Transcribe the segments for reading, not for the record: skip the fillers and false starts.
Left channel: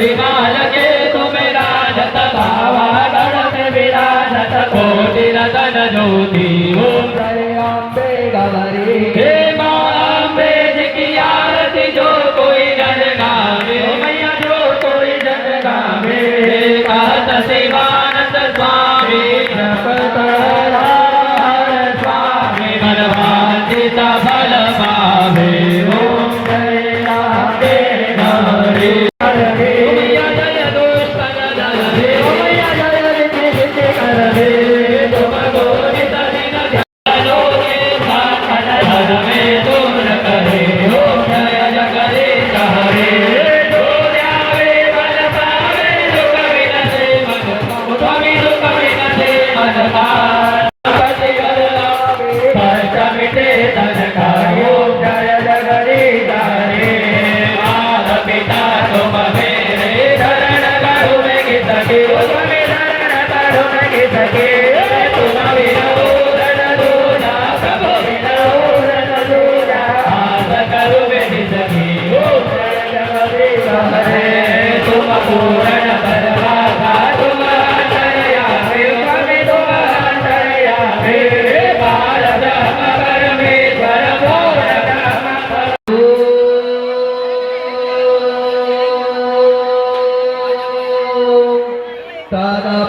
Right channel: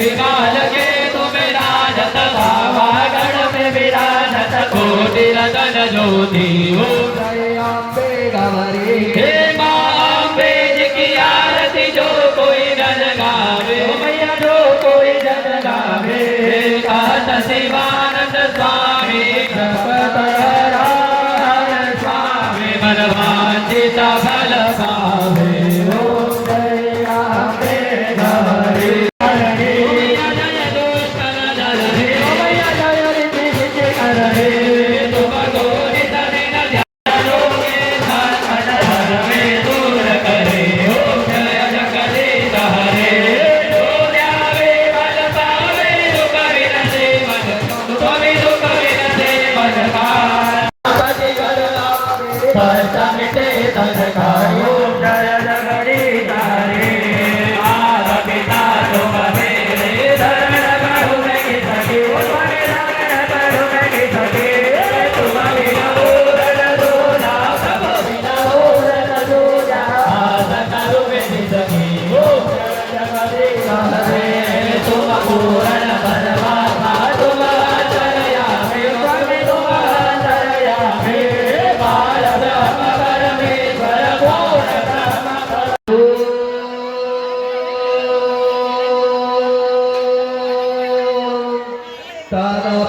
विमान के तुम राजत भावा गण में विराजत कोटि रतन ज्योति ओम जय अम्बे गौरी हे माँ अम्बे जी की आरती जो कोई जन गावे मैया जो कोई जन गावे कहत शिवानंद स्वामी जगत हरण स्वामी मन भांजित फल पावे ओम जय अम्बे गौरी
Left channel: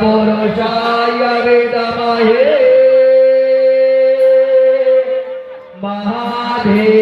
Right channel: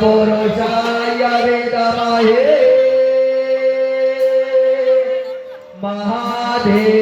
पुरुषाय विद्महे महादेव